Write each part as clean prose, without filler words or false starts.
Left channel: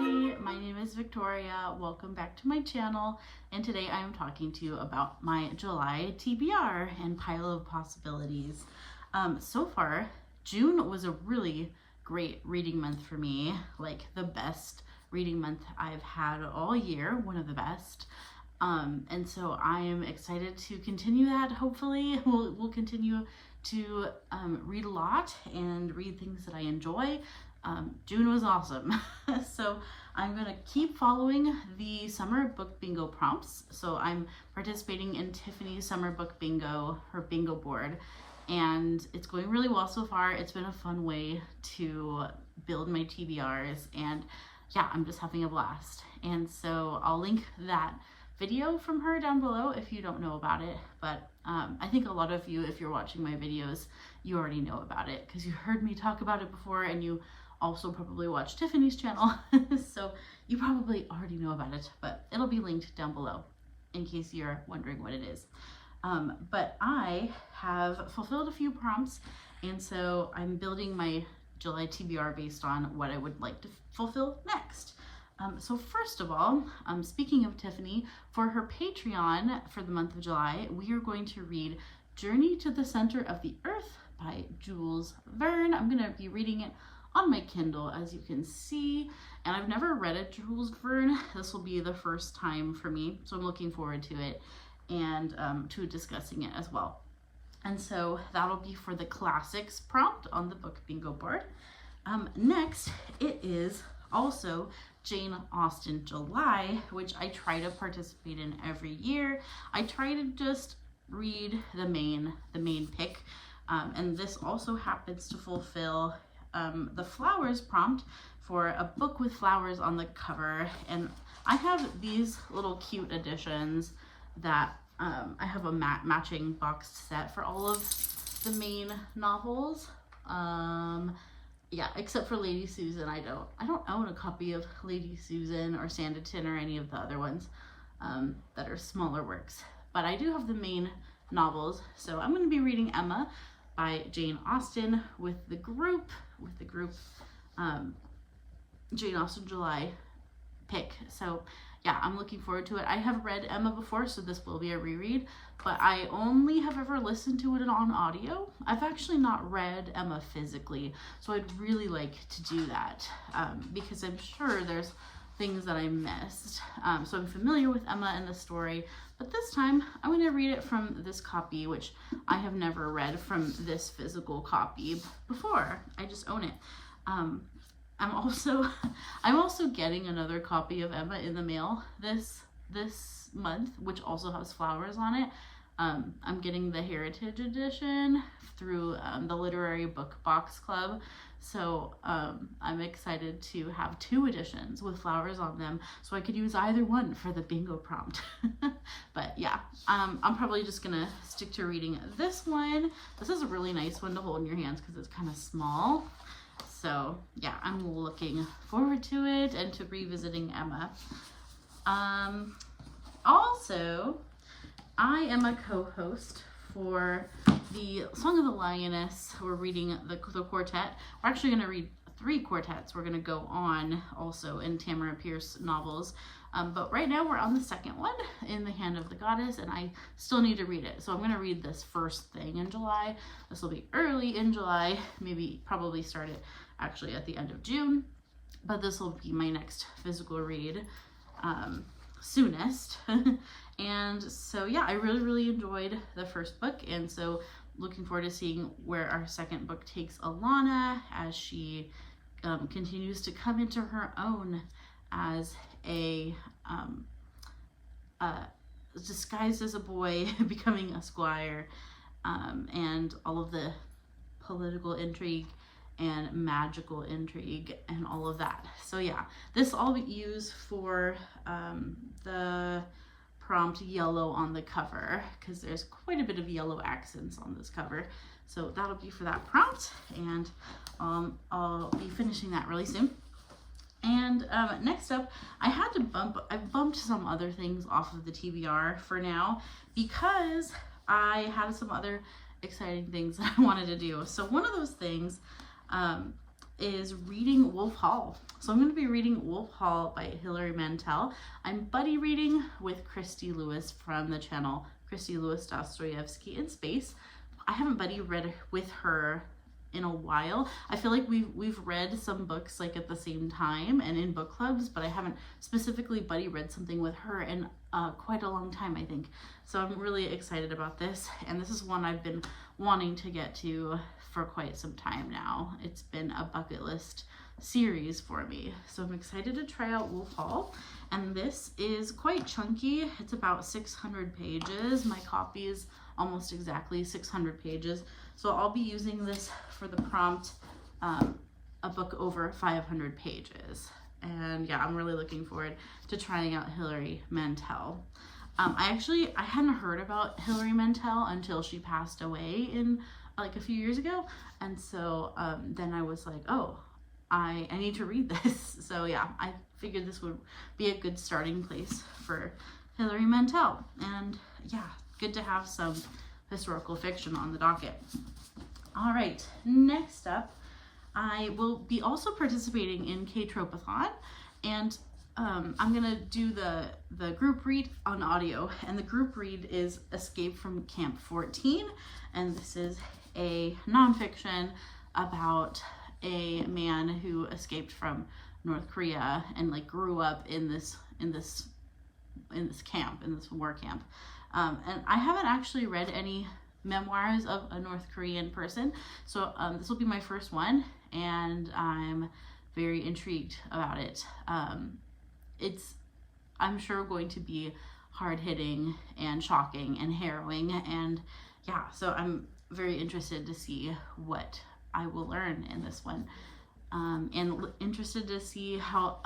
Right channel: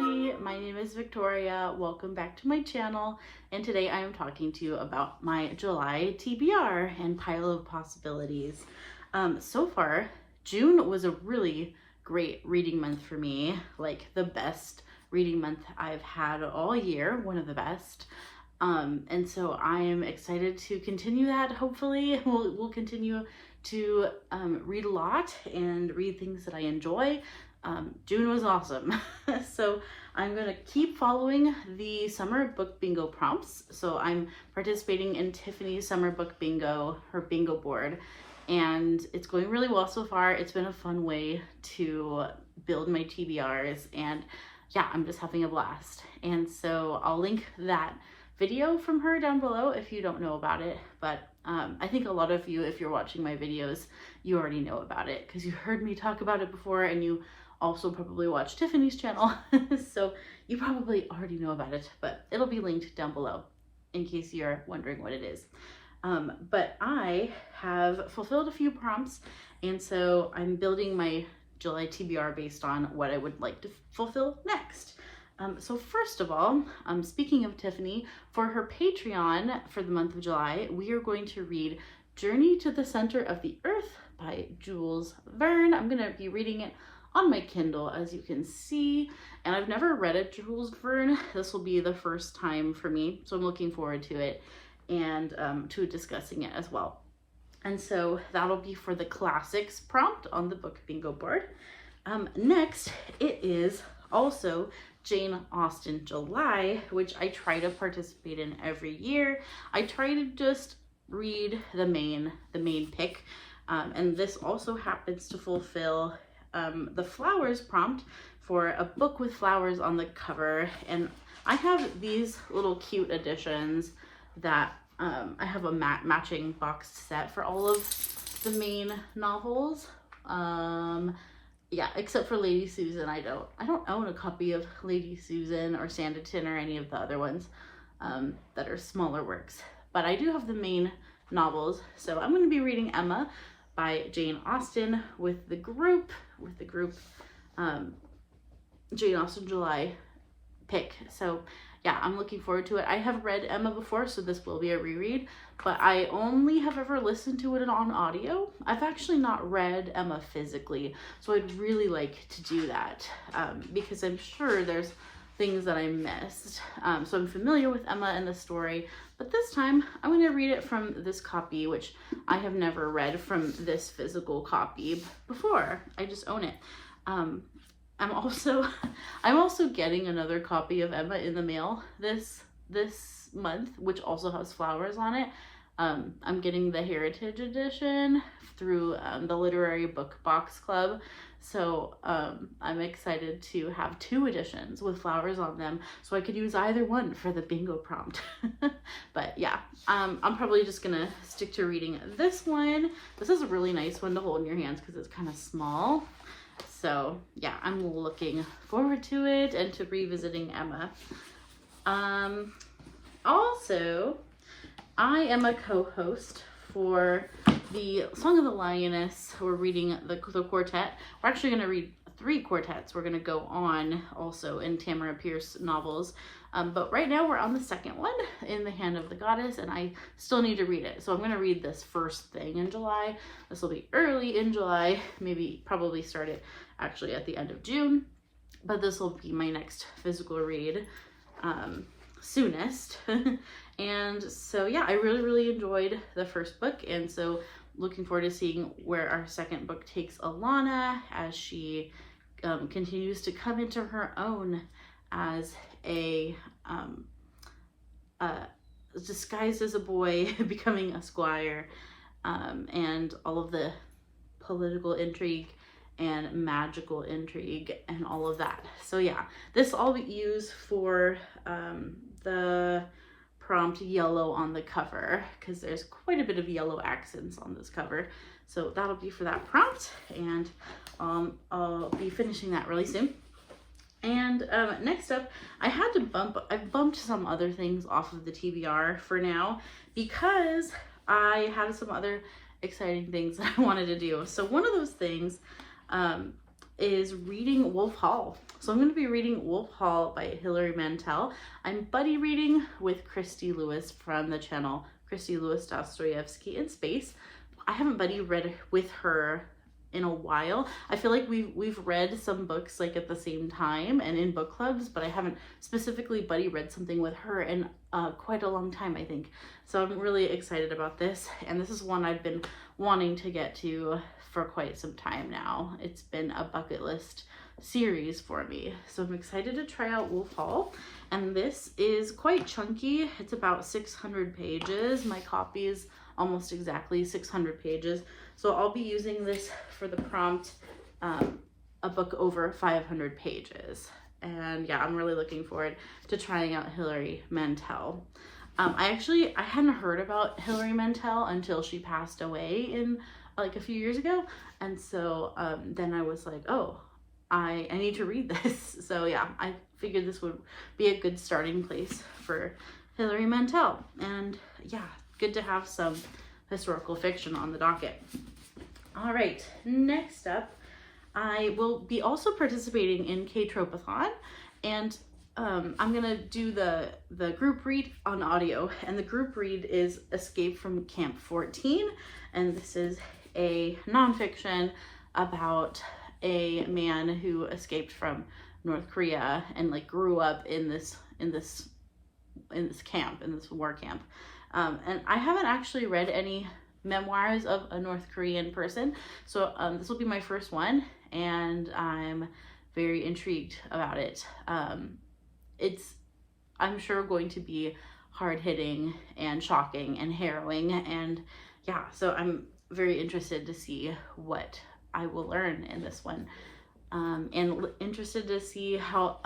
everybody, my name is Victoria. Welcome back to my channel, and today I am talking to you about my July TBR and pile of possibilities. So far, June was a really great reading month for me, like the best reading month I've had all year, one of the best. And so I am excited to continue that. Hopefully we'll continue to read a lot and read things that I enjoy. June was awesome. So I'm gonna keep following the summer book bingo prompts. So I'm participating in Tiffany's summer book bingo, her bingo board, and it's going really well so far. It's been a fun way to build my TBRs, and yeah, I'm just having a blast. And so I'll link that video from her down below if you don't know about it, but I think a lot of you, if you're watching my videos, you already know about it because you heard me talk about it before, and you also probably watch Tiffany's channel. So you probably already know about it, but it'll be linked down below in case you're wondering what it is. But I have fulfilled a few prompts, and so I'm building my July TBR based on what I would like to fulfill next. So first of all, speaking of Tiffany, for her Patreon for the month of July, we are going to read Journey to the Center of the Earth by Jules Verne. I'm going to be reading it on my Kindle, as you can see, and I've never read a Jules Verne. This will be the first time for me, so I'm looking forward to it and to discussing it as well. And so that'll be for the classics prompt on the book bingo board. Next, it is also Jane Austen July, which I try to participate in every year. I try to just read the main pick, and this also happens to fulfill the flowers prompt for a book with flowers on the cover. And I have these little cute editions that I have a matching boxed set for all of the main novels. Yeah, except for Lady Susan. I don't own a copy of Lady Susan or Sanderson or any of the other ones that are smaller works, but I do have the main novels. So I'm going to be reading Emma by Jane Austen with the group Jane Austen July pick. So yeah, I'm looking forward to it. I have read Emma before, so this will be a reread, but I only have ever listened to it on audio. I've actually not read Emma physically, so I'd really like to do that because I'm sure there's things that I missed. So I'm familiar with Emma and the story, but this time I'm going to read it from this copy, which I have never read from this physical copy before. I just own it. I'm also getting another copy of Emma in the mail this month, which also has flowers on it. I'm getting the Heritage Edition through the Literary Book Box Club. So I'm excited to have two editions with flowers on them, so I could use either one for the bingo prompt. But yeah, I'm probably just gonna stick to reading this one. This is a really nice one to hold in your hands because it's kind of small. So yeah, I'm looking forward to it and to revisiting Emma. Also, I am a co-host for the Song of the Lioness. We're reading the quartet. We're actually going to read 3 quartets. We're going to go on also in Tamora Pierce novels. But right now we're on the second one, In the Hand of the Goddess, and I still need to read it. So I'm going to read this first thing in July. This will be early in July, probably start it actually at the end of June. But this will be my next physical read soonest. And so yeah, I really enjoyed the first book, and so looking forward to seeing where our second book takes Alana as she continues to come into her own as a disguised as a boy becoming a squire, and all of the political intrigue and magical intrigue and all of that. So yeah, this I'll use for the prompt yellow on the cover, because there's quite a bit of yellow accents on this cover. So that'll be for that prompt, and I'll be finishing that really soon. And next up, I've bumped some other things off of the TBR for now because I had some other exciting things that I wanted to do. So one of those things is reading Wolf Hall. So I'm going to be reading Wolf Hall by Hilary Mantel. I'm buddy reading with Christy Lewis from the channel Christy Lewis Dostoevsky in Space. I haven't buddy read with her in a while. I feel like we've read some books like at the same time and in book clubs, but I haven't specifically buddy read something with her in quite a long time, I think. So I'm really excited about this, and this is one I've been wanting to get to for quite some time now. It's been a bucket list series for me, so I'm excited to try out Wolf Hall. And this is quite chunky. It's about 600 pages. My copy is almost exactly 600 pages, so I'll be using this for the prompt, a book over 500 pages. And yeah, I'm really looking forward to trying out Hilary Mantel. I hadn't heard about Hilary Mantel until she passed away in like a few years ago, and so then I was like, oh, I need to read this. So yeah, I figured this would be a good starting place for Hilary Mantel. And yeah, good to have some historical fiction on the docket. All right, next up, I will be also participating in K-tropeathon, and I'm gonna do the group read on audio, and the group read is Escape from Camp 14, and this is a nonfiction about a man who escaped from North Korea and like grew up in this camp, in this war camp. And I haven't actually read any memoirs of a North Korean person, so this will be my first one, and I'm very intrigued about it. It's, I'm sure, going to be hard-hitting and shocking and harrowing, and yeah, so I'm very interested to see what I will learn in this one, and interested to see how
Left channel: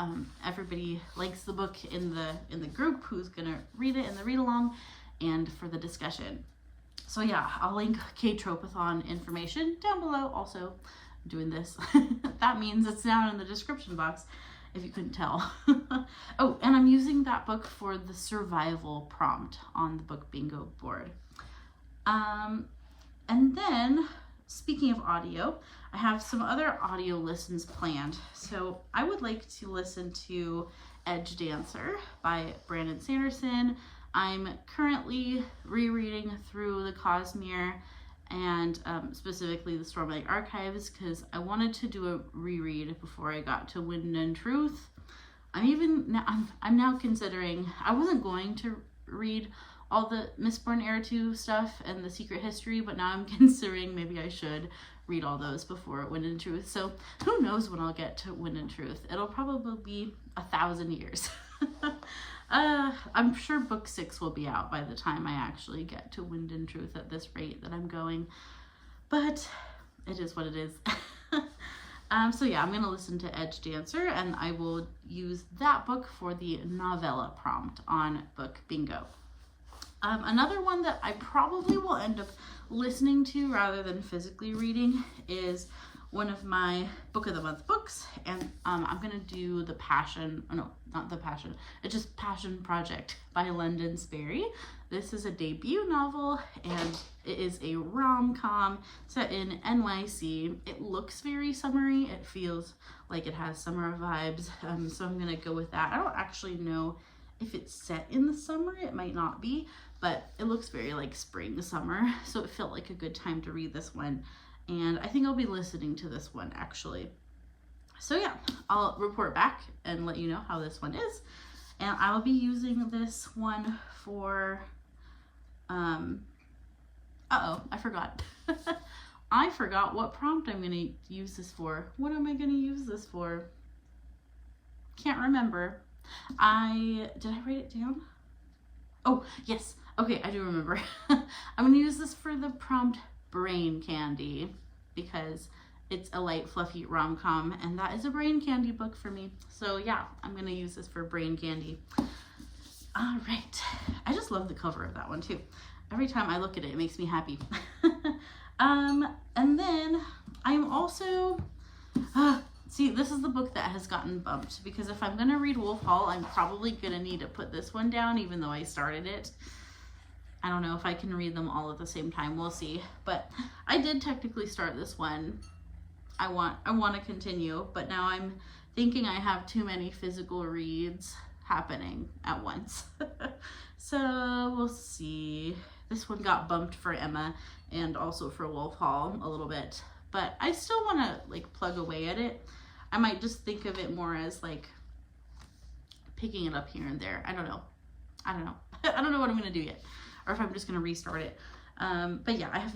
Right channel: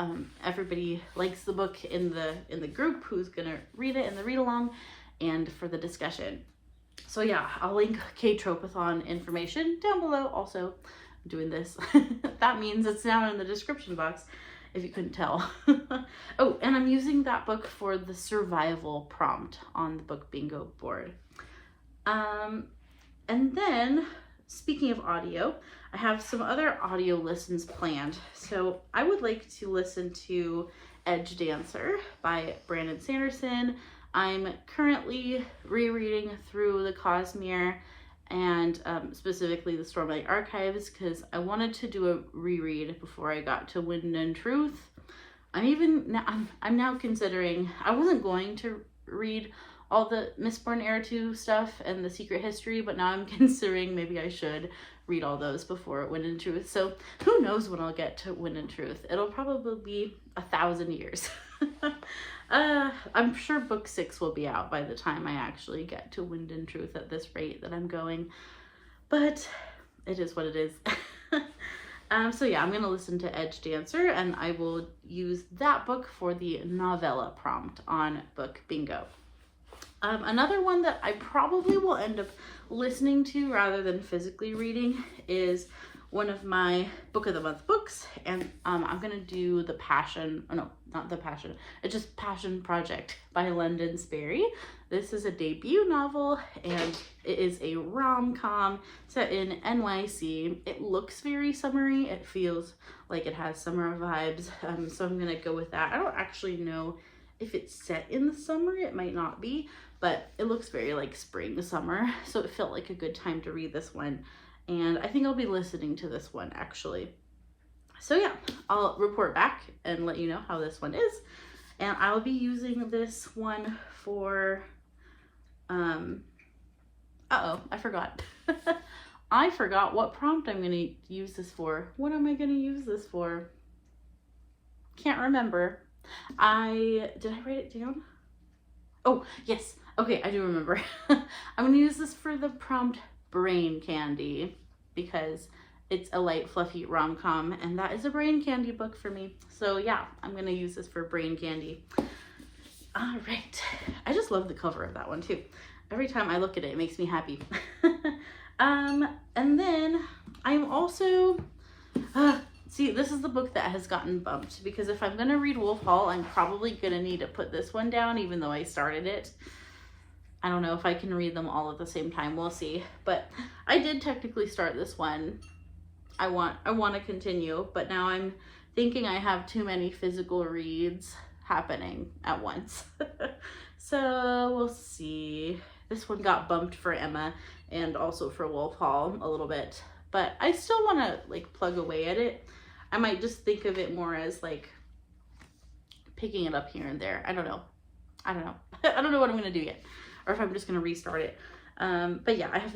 everybody likes the book in the group, who's gonna read it in the read-along, and for the discussion. So yeah, I'll link K-tropeathon information down below. Also, I'm doing this. That means it's down in the description box, if you couldn't tell. Oh, and I'm using that book for the survival prompt on the book bingo board. And then, speaking of audio, I have some other audio listens planned. So I would like to listen to Edgedancer by Brandon Sanderson. I'm currently rereading through the Cosmere and specifically the Stormlight Archives, because I wanted to do a reread before I got to Wind and Truth. I'm now considering, I wasn't going to read all the Mistborn Heir 2 stuff and the Secret History, but now I'm considering maybe I should read all those before Wind and Truth. So who knows when I'll get to Wind and Truth. It'll probably be 1,000 years. I'm sure book 6 will be out by the time I actually get to Wind and Truth at this rate that I'm going, but it is what it is. So yeah, I'm going to listen to Edgedancer, and I will use that book for the novella prompt on book bingo. Another one that I probably will end up listening to rather than physically reading is one of my book of the month books, and I'm gonna do the Passion, oh no, not the Passion, it's just Passion Project by London Sperry. This is a debut novel, and it is a rom-com set in NYC. It looks very summery. It feels like it has summer vibes, so I'm gonna go with that. I don't actually know if it's set in the summer. It might not be, but it looks very like spring, summer, so it felt like a good time to read this one. And I think I'll be listening to this one actually. So yeah, I'll report back and let you know how this one is. And I will be using this one for, I forgot. I forgot what prompt I'm gonna use this for. What am I gonna use this for? Can't remember. Did I write it down? Oh, yes. Okay, I do remember. I'm gonna use this for the prompt Brain Candy, because it's a light, fluffy rom-com, and that is a brain candy book for me. So yeah, I'm gonna use this for Brain Candy. All right. I just love the cover of that one too. Every time I look at it, it makes me happy. And then I'm also, see, this is the book that has gotten bumped, because if I'm gonna read Wolf Hall, I'm probably gonna need to put this one down, even though I started it. I don't know if I can read them all at the same time. We'll see. But I did technically start this one I want to continue, but now I'm thinking I have too many physical reads happening at once. So we'll see. This one got bumped for Emma and also for Wolf Hall a little bit, but I still want to like plug away at it. I might just think of it more as like picking it up here and there. I don't know. I don't know what I'm gonna do yet, or if I'm just gonna restart it. But yeah, I have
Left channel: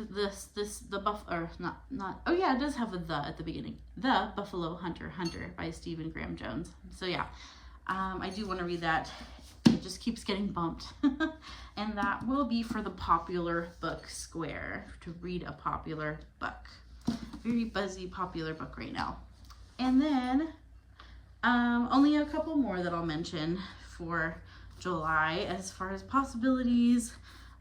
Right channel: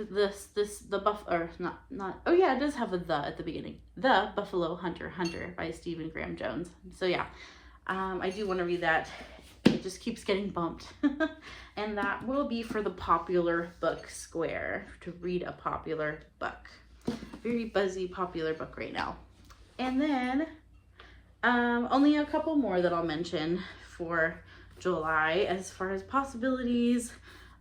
oh yeah, it does have a the at the beginning. The Buffalo Hunter by Stephen Graham Jones. So yeah, I do want to read that. It just keeps getting bumped. And that will be for the popular book square, to read a popular book. Very buzzy popular book right now. And then only a couple more that I'll mention for July as far as possibilities.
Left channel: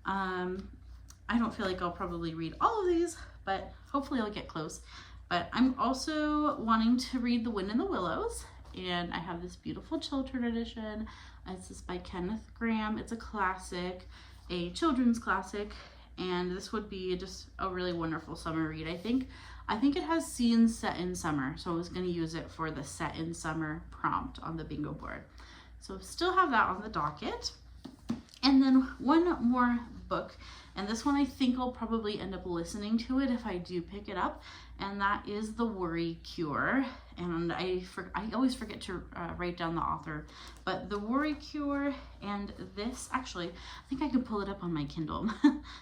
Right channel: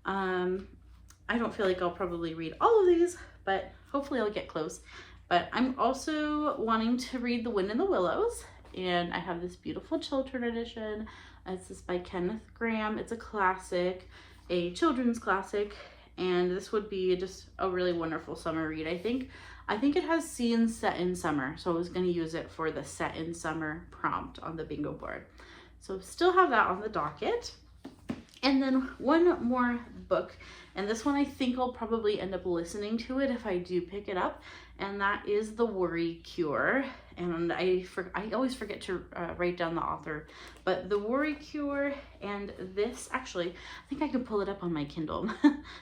I don't feel like I'll probably read all of these, but hopefully I'll get close. But I'm also wanting to read The Wind in the Willows, and I have this beautiful children edition. It's this by Kenneth Grahame. It's a classic, a children's classic, and this would be just a really wonderful summer read. I think it has scenes set in summer, so I was going to use it for the set in summer prompt on the bingo board. So still have that on the docket. And then one more book, and this one I think I'll probably end up listening to it if I do pick it up, and that is The Worry Cure. And I always forget to write down the author, but The Worry Cure, and this, actually, I think I can pull it up on my Kindle.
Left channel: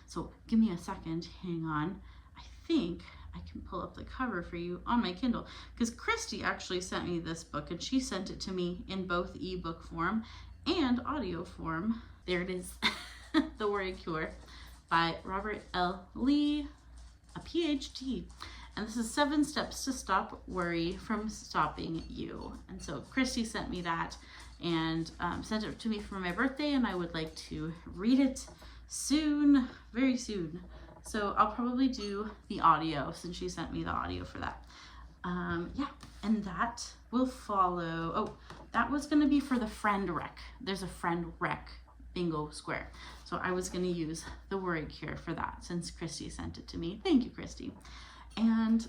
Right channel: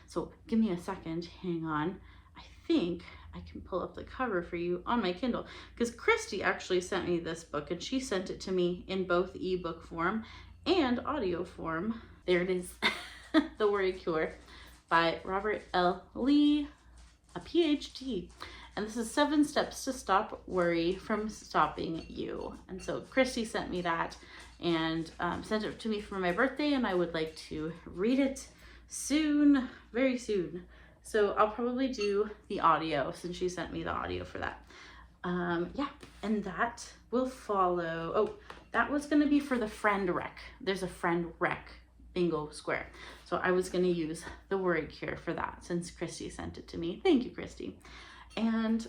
So give me a second, hang on. I think I can pull up the cover for you on my Kindle, because Christy actually sent me this book, and she sent it to me in both ebook form and audio form. There it is. The Worry Cure by Robert L. Lee, a PhD. And this is 7 Steps to Stop Worry from Stopping You. And so Christy sent me that and sent it to me for my birthday, and I would like to read it soon, very soon. So I'll probably do the audio since she sent me the audio for that. Yeah, and that will follow. Oh, that was going to be for the friend rec. There's a friend rec bingo square. So I was going to use The Worry Cure for that since Christy sent it to me. Thank you, Christy. And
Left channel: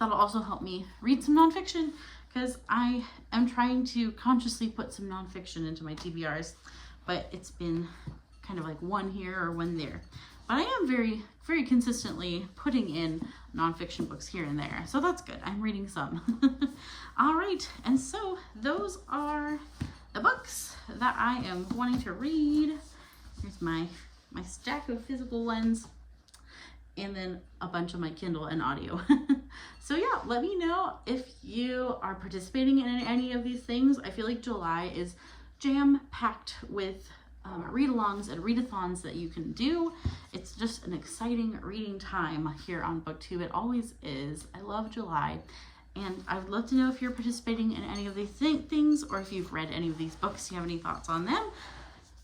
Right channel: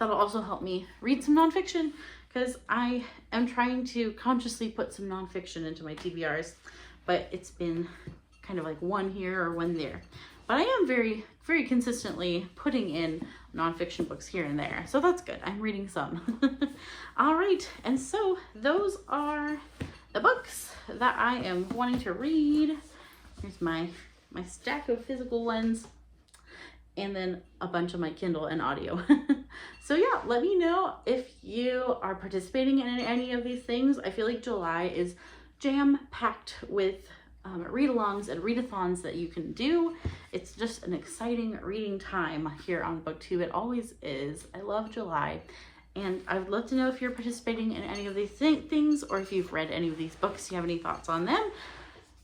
that'll also help me read some nonfiction, because I am trying to consciously put some nonfiction into my TBRs, but it's been kind of like one here or one there. But I am very, very consistently putting in nonfiction books here and there. So that's good. I'm reading some. All right. And so those are the books that I am wanting to read. Here's my stack of physical ones, and then a bunch of my Kindle and audio. So yeah, let me know if you are participating in any of these things. I feel like July is jam-packed with read-alongs and readathons that you can do. It's just an exciting reading time here on BookTube. It always is. I love July. And I would love to know if you're participating in any of these things, or if you've read any of these books, you have any thoughts on them.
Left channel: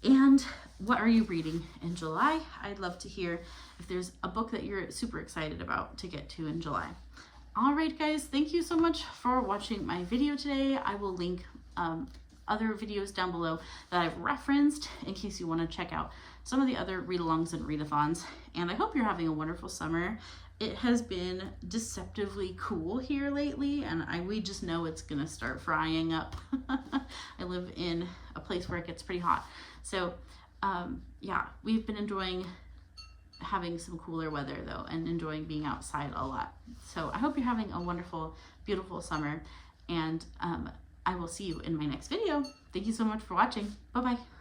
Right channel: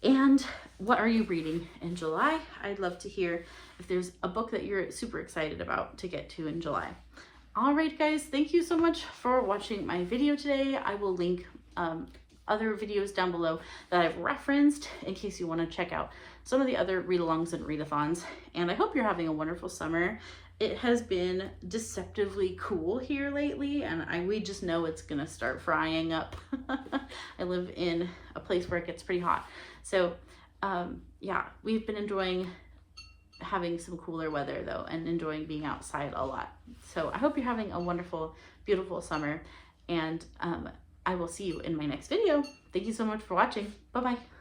And what are you reading in July? I'd love to hear if there's a book that you're super excited about to get to in July. All right, guys, thank you so much for watching my video today. I will link other videos down below that I've referenced in case you want to check out some of the other read-alongs and readathons. And I hope you're having a wonderful summer. It has been deceptively cool here lately, and we just know it's gonna start frying up. I live in a place where it gets pretty hot. So yeah, we've been enjoying having some cooler weather though, and enjoying being outside a lot. So I hope you're having a wonderful, beautiful summer, and I will see you in my next video. Thank you so much for watching. Bye-bye.